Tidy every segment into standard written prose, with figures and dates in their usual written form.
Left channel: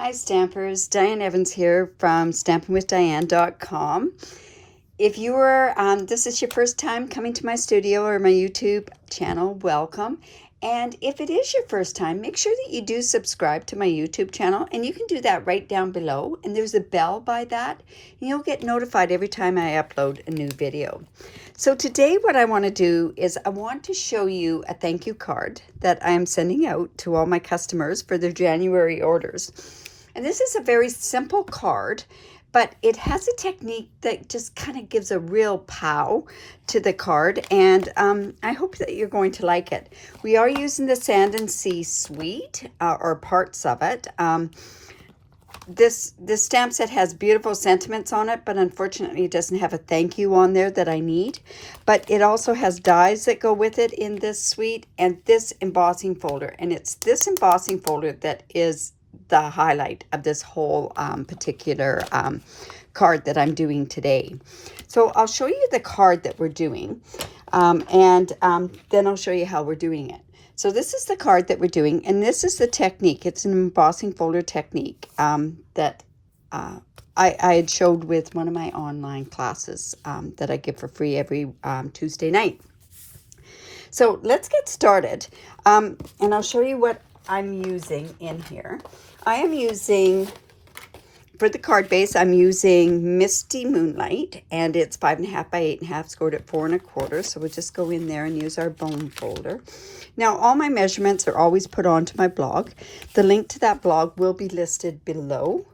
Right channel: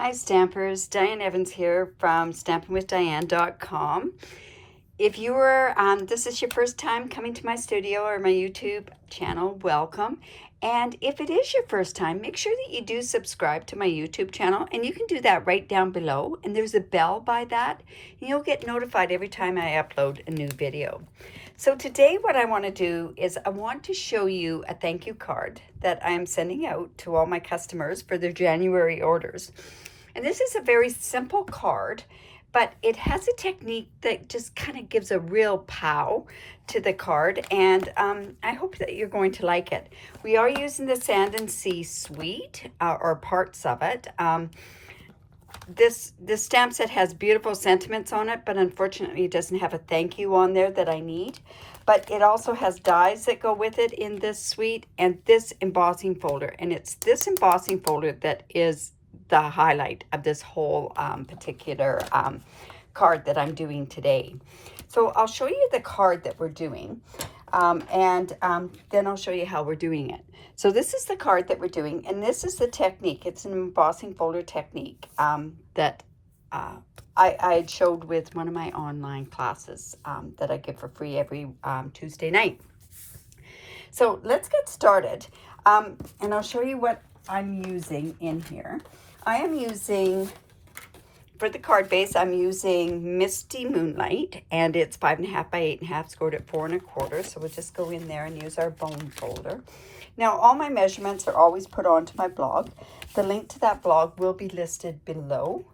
Hi Stampers, Diane Evans here from stampingwithdiane.com. If you are, this is your first time coming to my studio or my YouTube channel, welcome. And if it is your first time, make sure that you do subscribe to my YouTube channel, and you can do that right down below. And there's a bell by that, and you'll get notified every time I upload a new video. So today what I want to do is I want to show you a thank you card that I'm sending out to all my customers for their January orders. And this is a very simple card, but it has a technique that just kind of gives a real pow to the card, and I hope that you're going to like it. We are using the Sand and Sea suite, or parts of it. This stamp set has beautiful sentiments on it, but unfortunately it doesn't have a thank you on there that I need. But it also has dies that go with it in this suite, and this embossing folder. And it's this embossing folder that is the highlight of this whole particular card that I'm doing today. So I'll show you the card that we're doing, and then I'll show you how we're doing it. So this is the card that we're doing, and this is the technique. It's an embossing folder technique that I had showed with one of my online classes that I give for free every Tuesday night. So let's get started, and I'll show you what I'm using in here. I am using, for the card base, I'm using Misty Moonlight, and it's 5.5 by 8.5, scored at 4 1/4. So we'll just go in there and use our bone folder. Now, all my measurements are always put onto my blog. The link to that blog will be listed below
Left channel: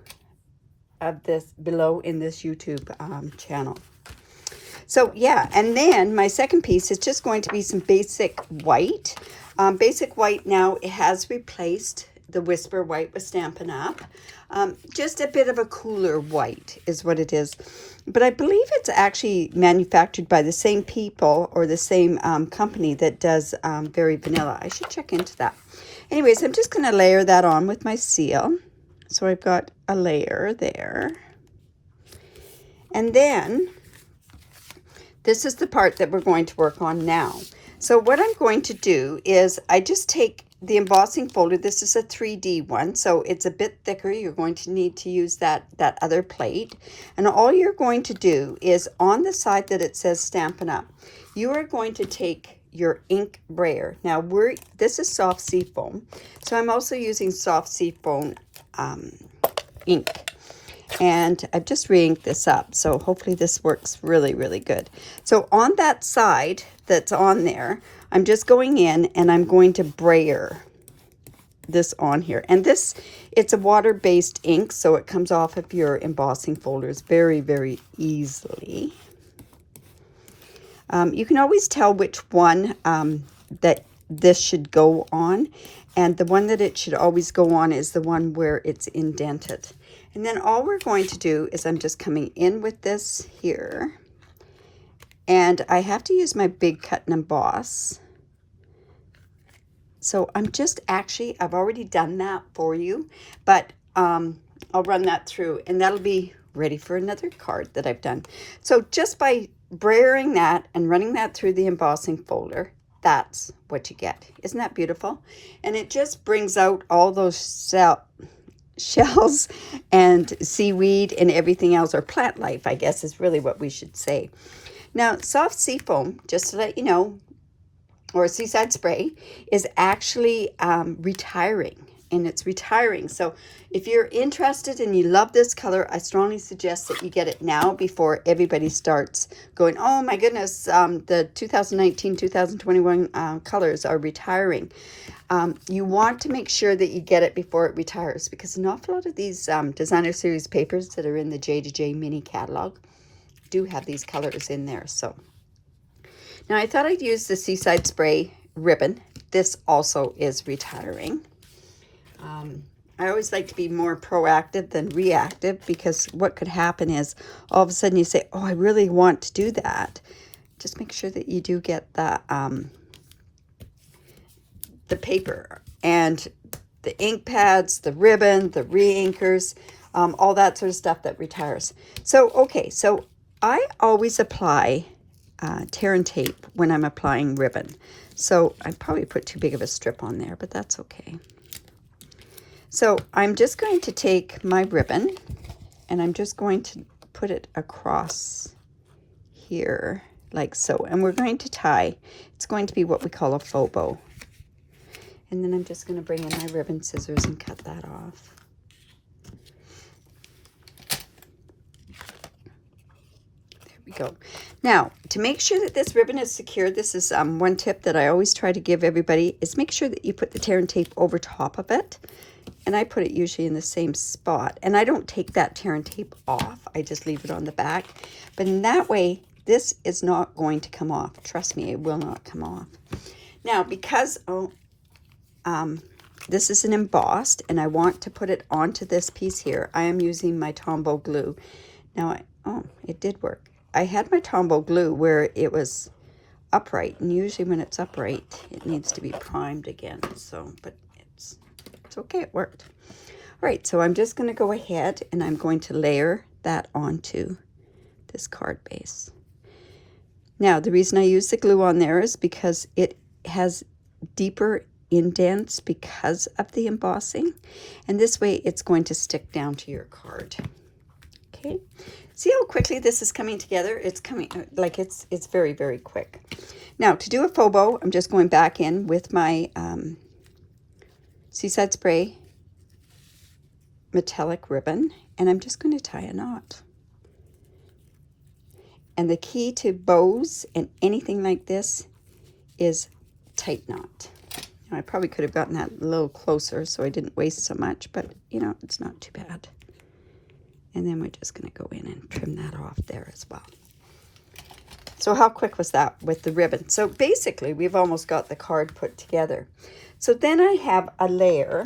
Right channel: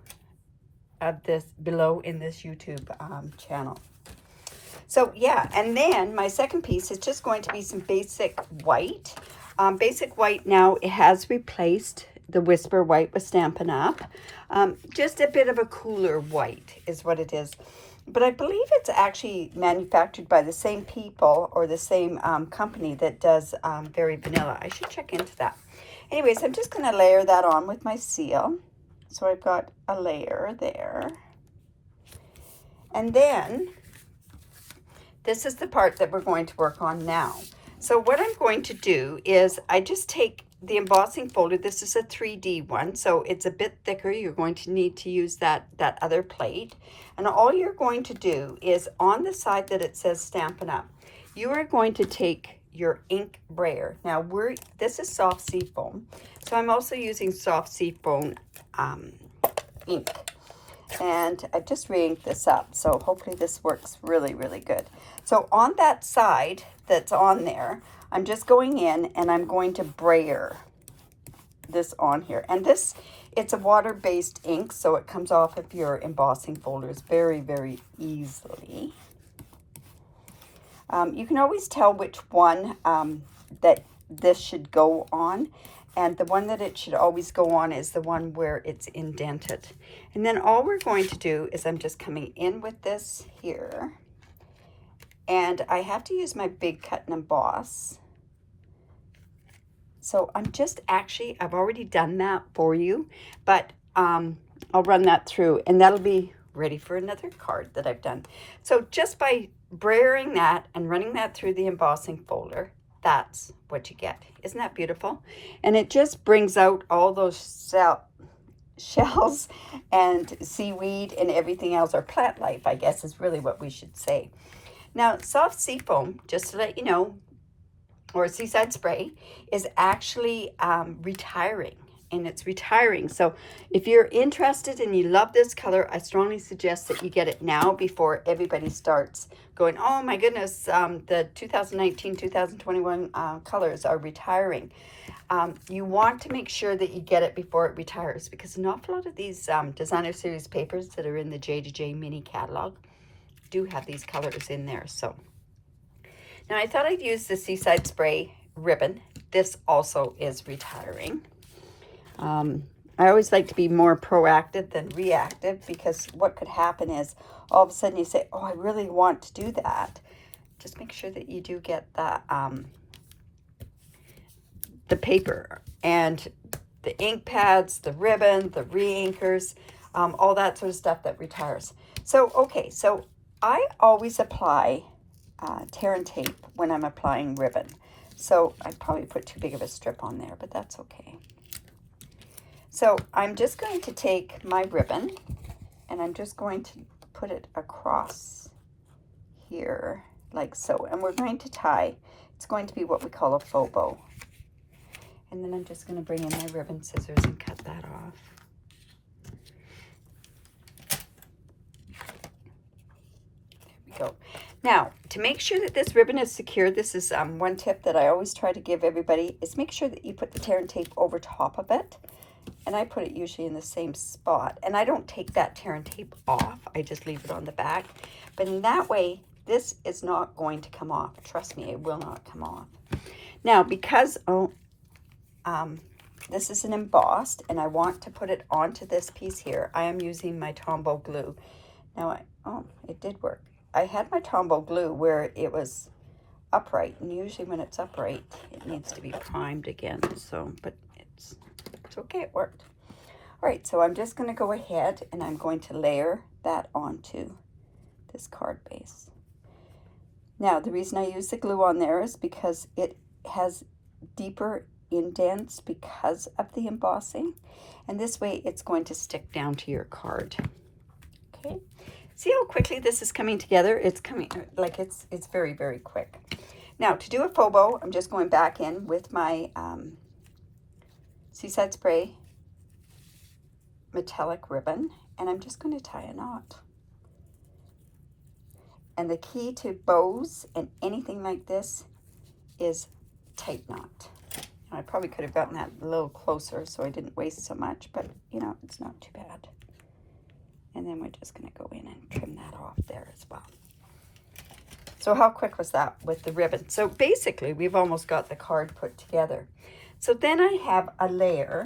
in this YouTube channel. So yeah, and then my second piece is just going to be some basic white. Basic white now, it has replaced the Whisper White with Stampin' Up. Just a bit of a cooler white is what it is. But I believe it's actually manufactured by the same people or the same company that does Very Vanilla. I should check into that. Anyways, I'm just going to layer that on with my seal. So I've got a layer there. And then this is the part that we're going to work on now. So what I'm going to do is I just take the embossing folder. This is a 3D one, so it's a bit thicker. You're going to need to use that other plate. And all you're going to do is on the side that it says Stampin' Up, you are going to take your ink brayer. Now this is soft sea foam, so I'm also using soft sea foam ink. And I've just re-inked this up, so hopefully this works really, really good. So on that side that's on there, I'm just going in and I'm going to brayer this on here. And this, it's a water-based ink, so it comes off of your embossing folders very, very easily. You can always tell which one that this should go on. And the one that it should always go on is the one where it's indented. And then all we're going to do is I'm just coming in with this here. And I have to use my big cut and emboss. So I'm just actually, I've already done that for you, but I'll run that through and that'll be ready for another card that I've done. So just by brayering that and running that through the embossing folder, that's what you get. Isn't that beautiful? And it just brings out all those shells and seaweed and everything else, or plant life, I guess is really what we should say. Now, soft sea foam, just to let you know, or seaside spray, is actually retiring. And it's retiring. So if you're interested and you love this color, I strongly suggest that you get it now before everybody starts going, oh my goodness, the 2019-2021 colors are retiring. You want to make sure that you get it before it retires, because an awful lot of these designer series papers that are in the J2J mini catalog do have these colors in there. So now I thought I'd use the Seaside Spray ribbon. This also is retiring. I always like to be more proactive than reactive, because what could happen is all of a sudden you say, oh, I really want to do that. Just make sure that you do get the paper and the ink pads, the ribbon, the re-inkers, all that sort of stuff that retires. So, okay, so I always apply tear and tape when I'm applying ribbon. So I probably put too big of a strip on there, but that's okay. So I'm just going to take my ribbon and I'm just going to put it across here like so. And we're going to tie. It's going to be what we call a faux bow. And then I'm just going to bring in my ribbon scissors and cut that off. Go. Now, to make sure that this ribbon is secure, this is one tip that I always try to give everybody, is make sure that you put the tear and tape over top of it. And I put it usually in the same spot. And I don't take that tear and tape off. I just leave it on the back. But in that way, this is not going to come off. Trust me, it will not come off. Now, because this is an embossed and I want to put it onto this piece here, I am using my Tombow glue. Now, it did work. I had my Tombow glue where it was upright, and usually when it's upright, it needs to be primed again. So, but it's okay, it worked. All right, so I'm just going to go ahead and I'm going to layer that onto this card base. Now, the reason I use the glue on there is because it has deeper indents because of the embossing, and this way it's going to stick down to your card. Okay. See how quickly this is coming together? It's coming, like it's very, very quick. Now, to do a faux bow, I'm just going back in with my Seaside Spray metallic ribbon, and I'm just going to tie a knot. And the key to bows and anything like this is tight knot. And I probably could have gotten that a little closer so I didn't waste so much, but you know, it's not too bad. And then we're just going to go in and trim that off there as well. So how quick was that with the ribbon? So basically, we've almost got the card put together. So then I have a layer,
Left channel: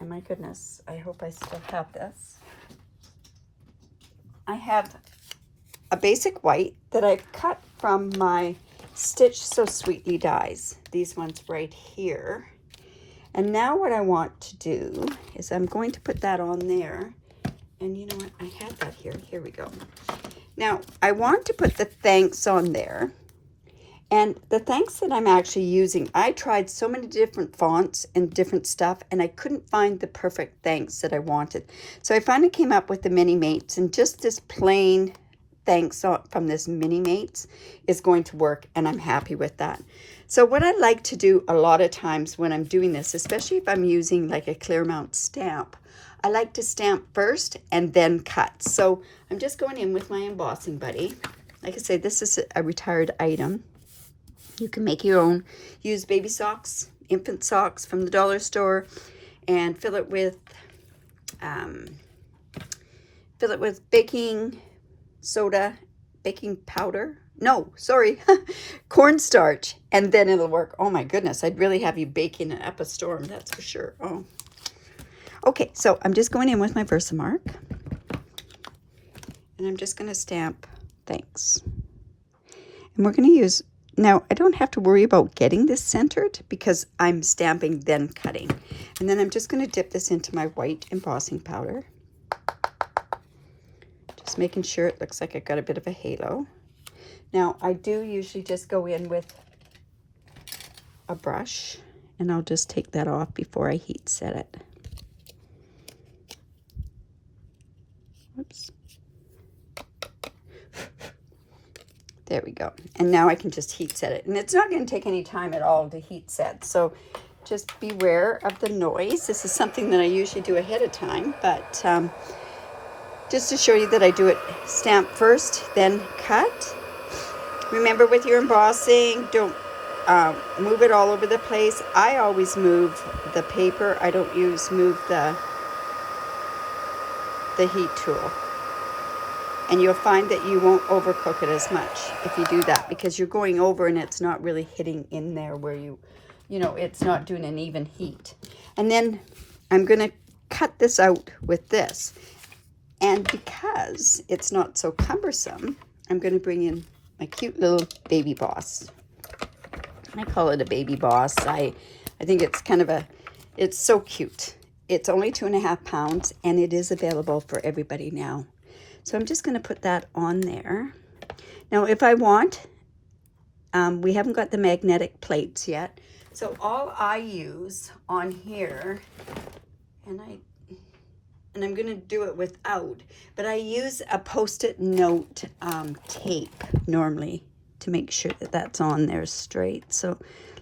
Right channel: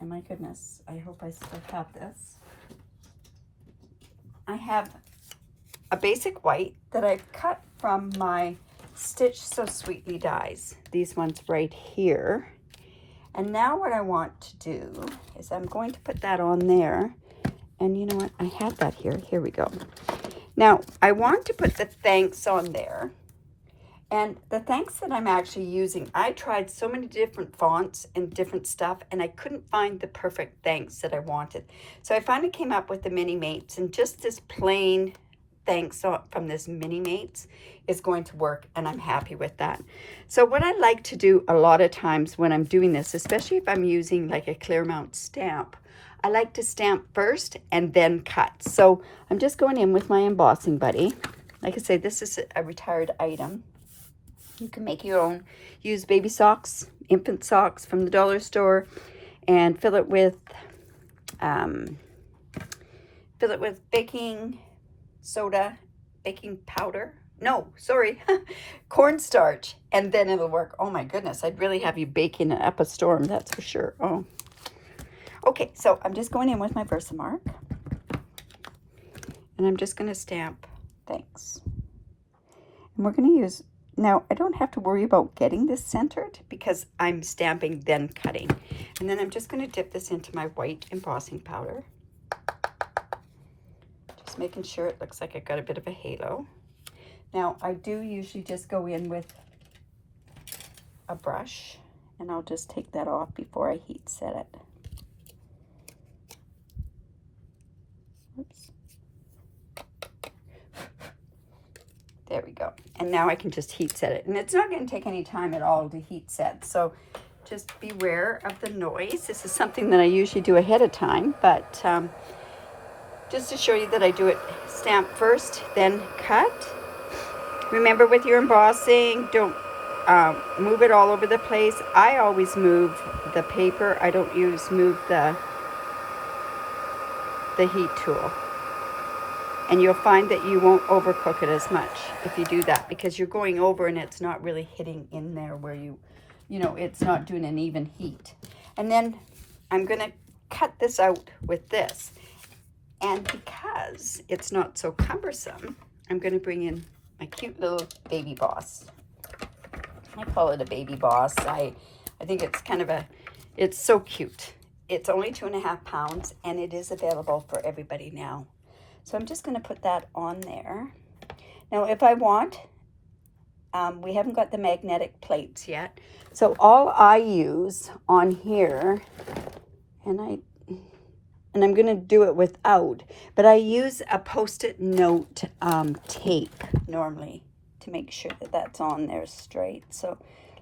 and my goodness, I hope I still have this. I have a basic white that I've cut from my Stitch So Sweetly dies. These ones right here. And now what I want to do is I'm going to put that on there. And you know what? I have that here. Here we go. Now, I want to put the thanks on there. And the thanks that I'm actually using, I tried so many different fonts and different stuff, and I couldn't find the perfect thanks that I wanted. So I finally came up with the Mini Mates, and just this plain thanks from this Mini Mates is going to work, and I'm happy with that. So what I like to do a lot of times when I'm doing this, especially if I'm using like a clear mount stamp, I like to stamp first and then cut. So I'm just going in with my embossing buddy. Like I say, this is a retired item. You can make your own. Use baby socks, infant socks from the dollar store, and fill it with baking soda, baking powder. No, sorry, cornstarch, and then it'll work. Oh my goodness, I'd really have you baking it up a storm, that's for sure. Oh. Okay, so I'm just going in with my Versamark, and I'm just going to stamp thanks. And we're going to use, now I don't have to worry about getting this centered because I'm stamping then cutting. And then I'm just going to dip this into my white embossing powder. Just making sure it looks like I got a bit of a halo. Now I do usually just go in with a brush, and I'll just take that off before I heat set it. Oops. There we go. And now I can just heat set it. And it's not going to take any time at all to heat set. So just beware of the noise. This is something that I usually do ahead of time. But just to show you that I do it stamp first, then cut. Remember with your embossing, don't move it all over the place. I always move the paper. I don't move the heat tool, and you'll find that you won't overcook it as much if you do that, because you're going over and it's not really hitting in there where you know, it's not doing an even heat. And then I'm going to cut this out with this, and because it's not so cumbersome, I'm going to bring in my cute little baby boss. I call it a baby boss. I think it's kind of it's so cute. It's only 2.5 pounds, and it is available for everybody now. So I'm just going to put that on there. Now, if I want, we haven't got the magnetic plates yet. So all I use on here, and I'm going to do it without, but I use a Post-it note tape normally to make sure that that's on there straight. So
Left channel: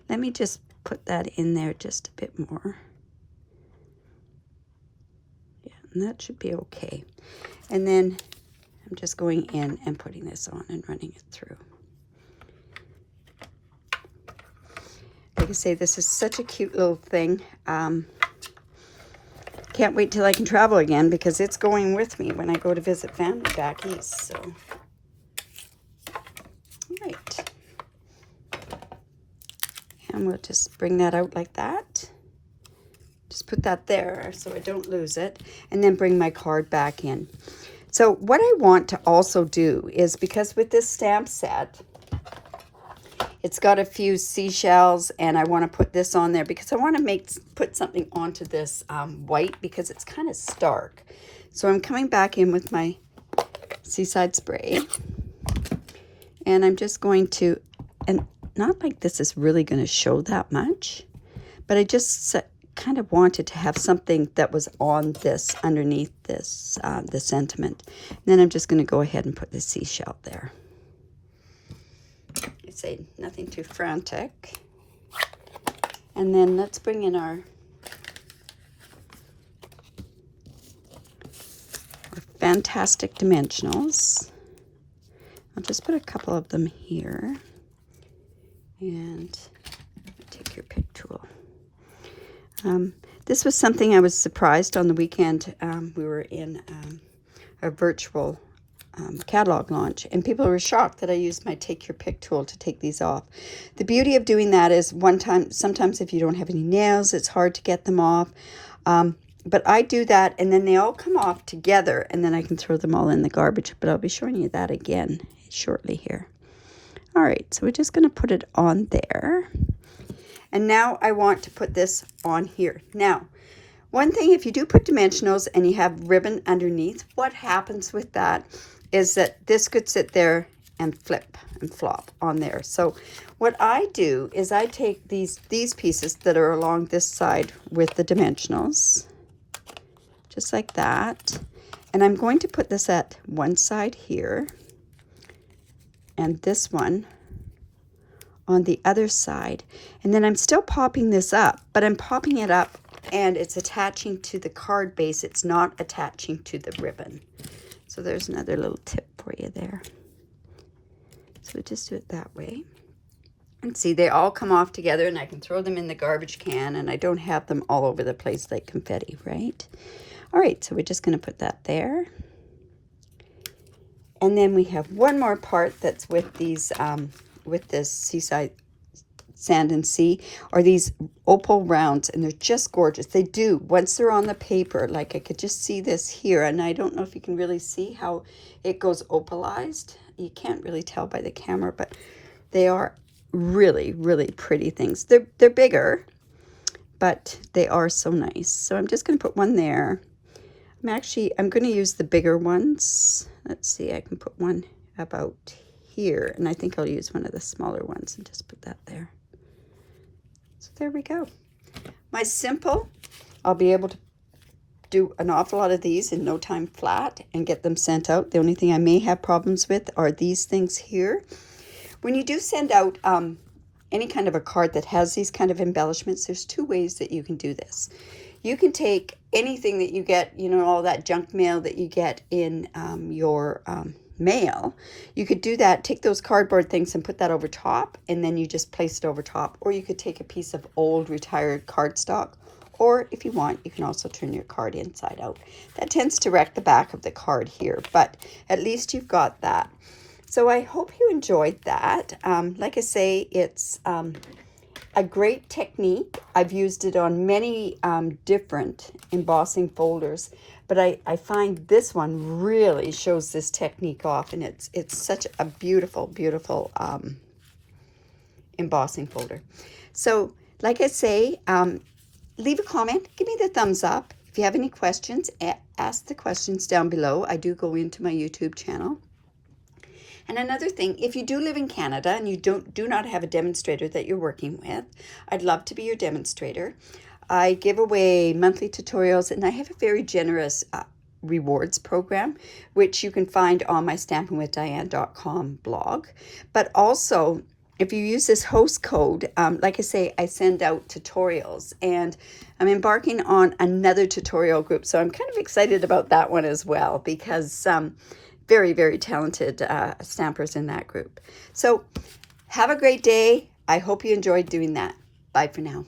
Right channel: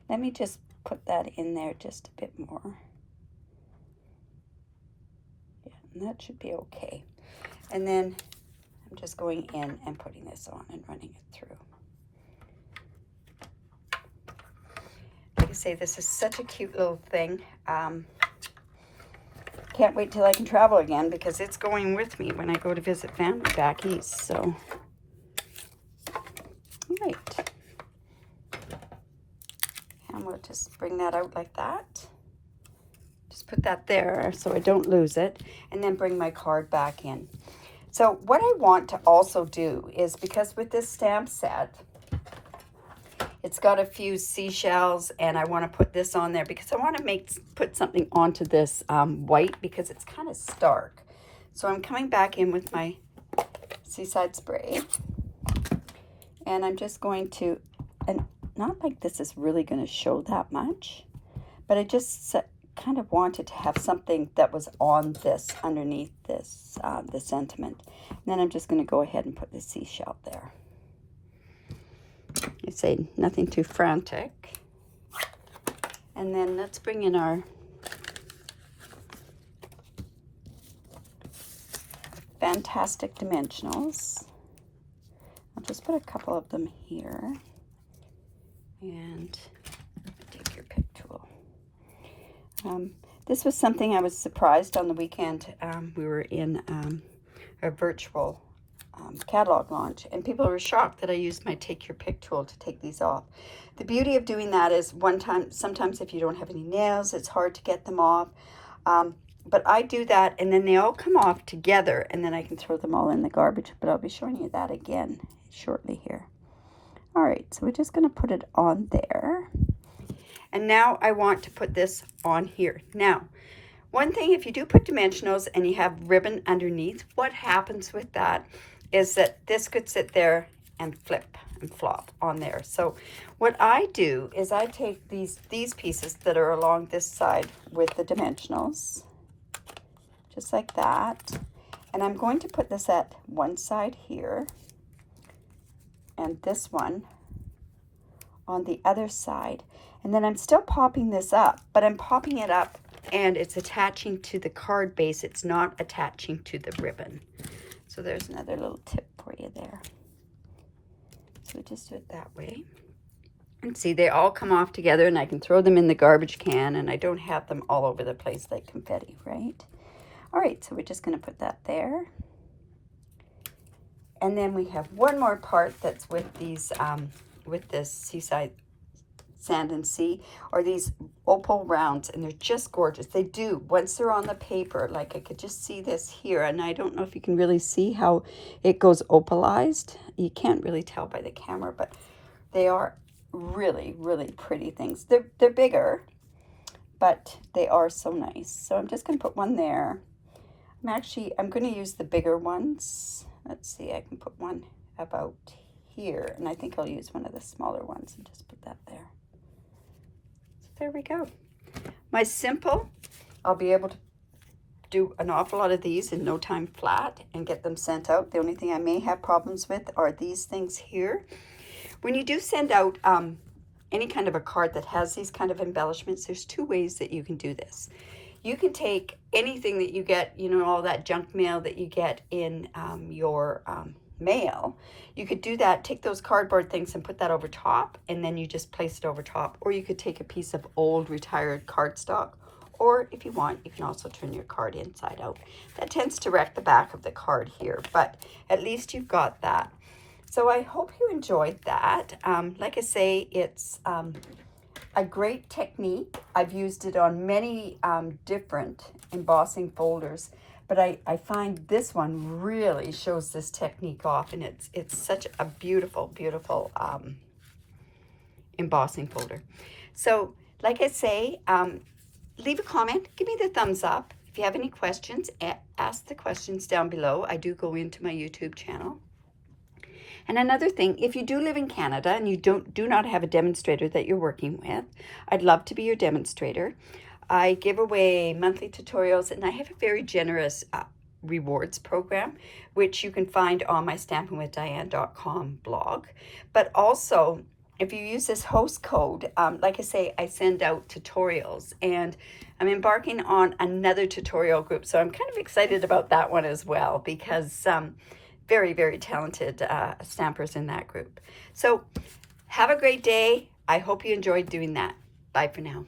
let me just put that in there just a bit more. Yeah, and that should be okay. And then I'm just going in and putting this on and running it through. Like I say, this is such a cute little thing. Can't wait till I can travel again because it's going with me when I go to visit family back east. So, all right. And we'll just bring that out like that. Just put that there so I don't lose it. And then bring my card back in. So what I want to also do is, because with this stamp set, it's got a few seashells, and I want to put this on there because I want to put something onto this white because it's kind of stark. So I'm coming back in with my Seaside spray, and I'm just going to, and not like this is really going to show that much, but I just kind of wanted to have something that was on this, underneath this, the sentiment. And then I'm just going to go ahead and put the seashell there. I say nothing too frantic. And then let's bring in our fantastic dimensionals. I'll just put a couple of them here. And take your pick tool. This was something I was surprised on the weekend. We were in a virtual catalog launch, and people were shocked that I used my take your pick tool to take these off. The beauty of doing that is sometimes if you don't have any nails, it's hard to get them off. But I do that, and then they all come off together, and then I can throw them all in the garbage. But I'll be showing you that again shortly here. All right, so we're just going to put it on there. And now I want to put this on here. Now, one thing, if you do put dimensionals and you have ribbon underneath, what happens with that is that this could sit there and flip and flop on there. So what I do is I take these pieces that are along this side with the dimensionals, just like that. And I'm going to put this at one side here, and this one on the other side. And then I'm still popping this up, but I'm popping it up and it's attaching to the card base. It's not attaching to the ribbon. So there's another little tip for you there. So just do it that way. And see, they all come off together, and I can throw them in the garbage can, and I don't have them all over the place like confetti, right? All right, so we're just going to put that there. And then we have one more part that's with these, with this Seaside Sand and Sea, are these opal rounds, and they're just gorgeous. They do, once they're on the paper, like I could just see this here, and I don't know if you can really see how it goes opalized. You can't really tell by the camera, but they are really, really pretty things. They're bigger, but they are so nice. So I'm just going to put one there. I'm going to use the bigger ones. Let's see, I can put one about here, and I think I'll use one of the smaller ones and just put that there. So there we go. My simple, I'll be able to do an awful lot of these in no time flat and get them sent out. The only thing I may have problems with are these things here. When you do send out any kind of a card that has these kind of embellishments, there's two ways that you can do this. You can take anything that you get, you know, all that junk mail that you get in your mail. You could do that, take those cardboard things and put that over top, and then you just place it over top. Or you could take a piece of old retired cardstock, or if you want, you can also turn your card inside out. That tends to wreck the back of the card here, but at least you've got that. So I hope you enjoyed that. Like I say, it's a great technique. I've used it on many different embossing folders, but I find this one really shows this technique off, and it's such a beautiful, beautiful embossing folder. So like I say, leave a comment, give me the thumbs up. If you have any questions, ask the questions down below. I do go into my YouTube channel. And another thing, if you do live in Canada and you do not have a demonstrator that you're working with, I'd love to be your demonstrator. I give away monthly tutorials, and I have a very generous rewards program, which you can find on my stampinwithdiane.com blog. But also, if you use this host code, like I say, I send out tutorials, and I'm embarking on another tutorial group, so I'm kind of excited about that one as well, because very, very talented stampers in that group. So have a great day. I hope you enjoyed doing that. Bye for now.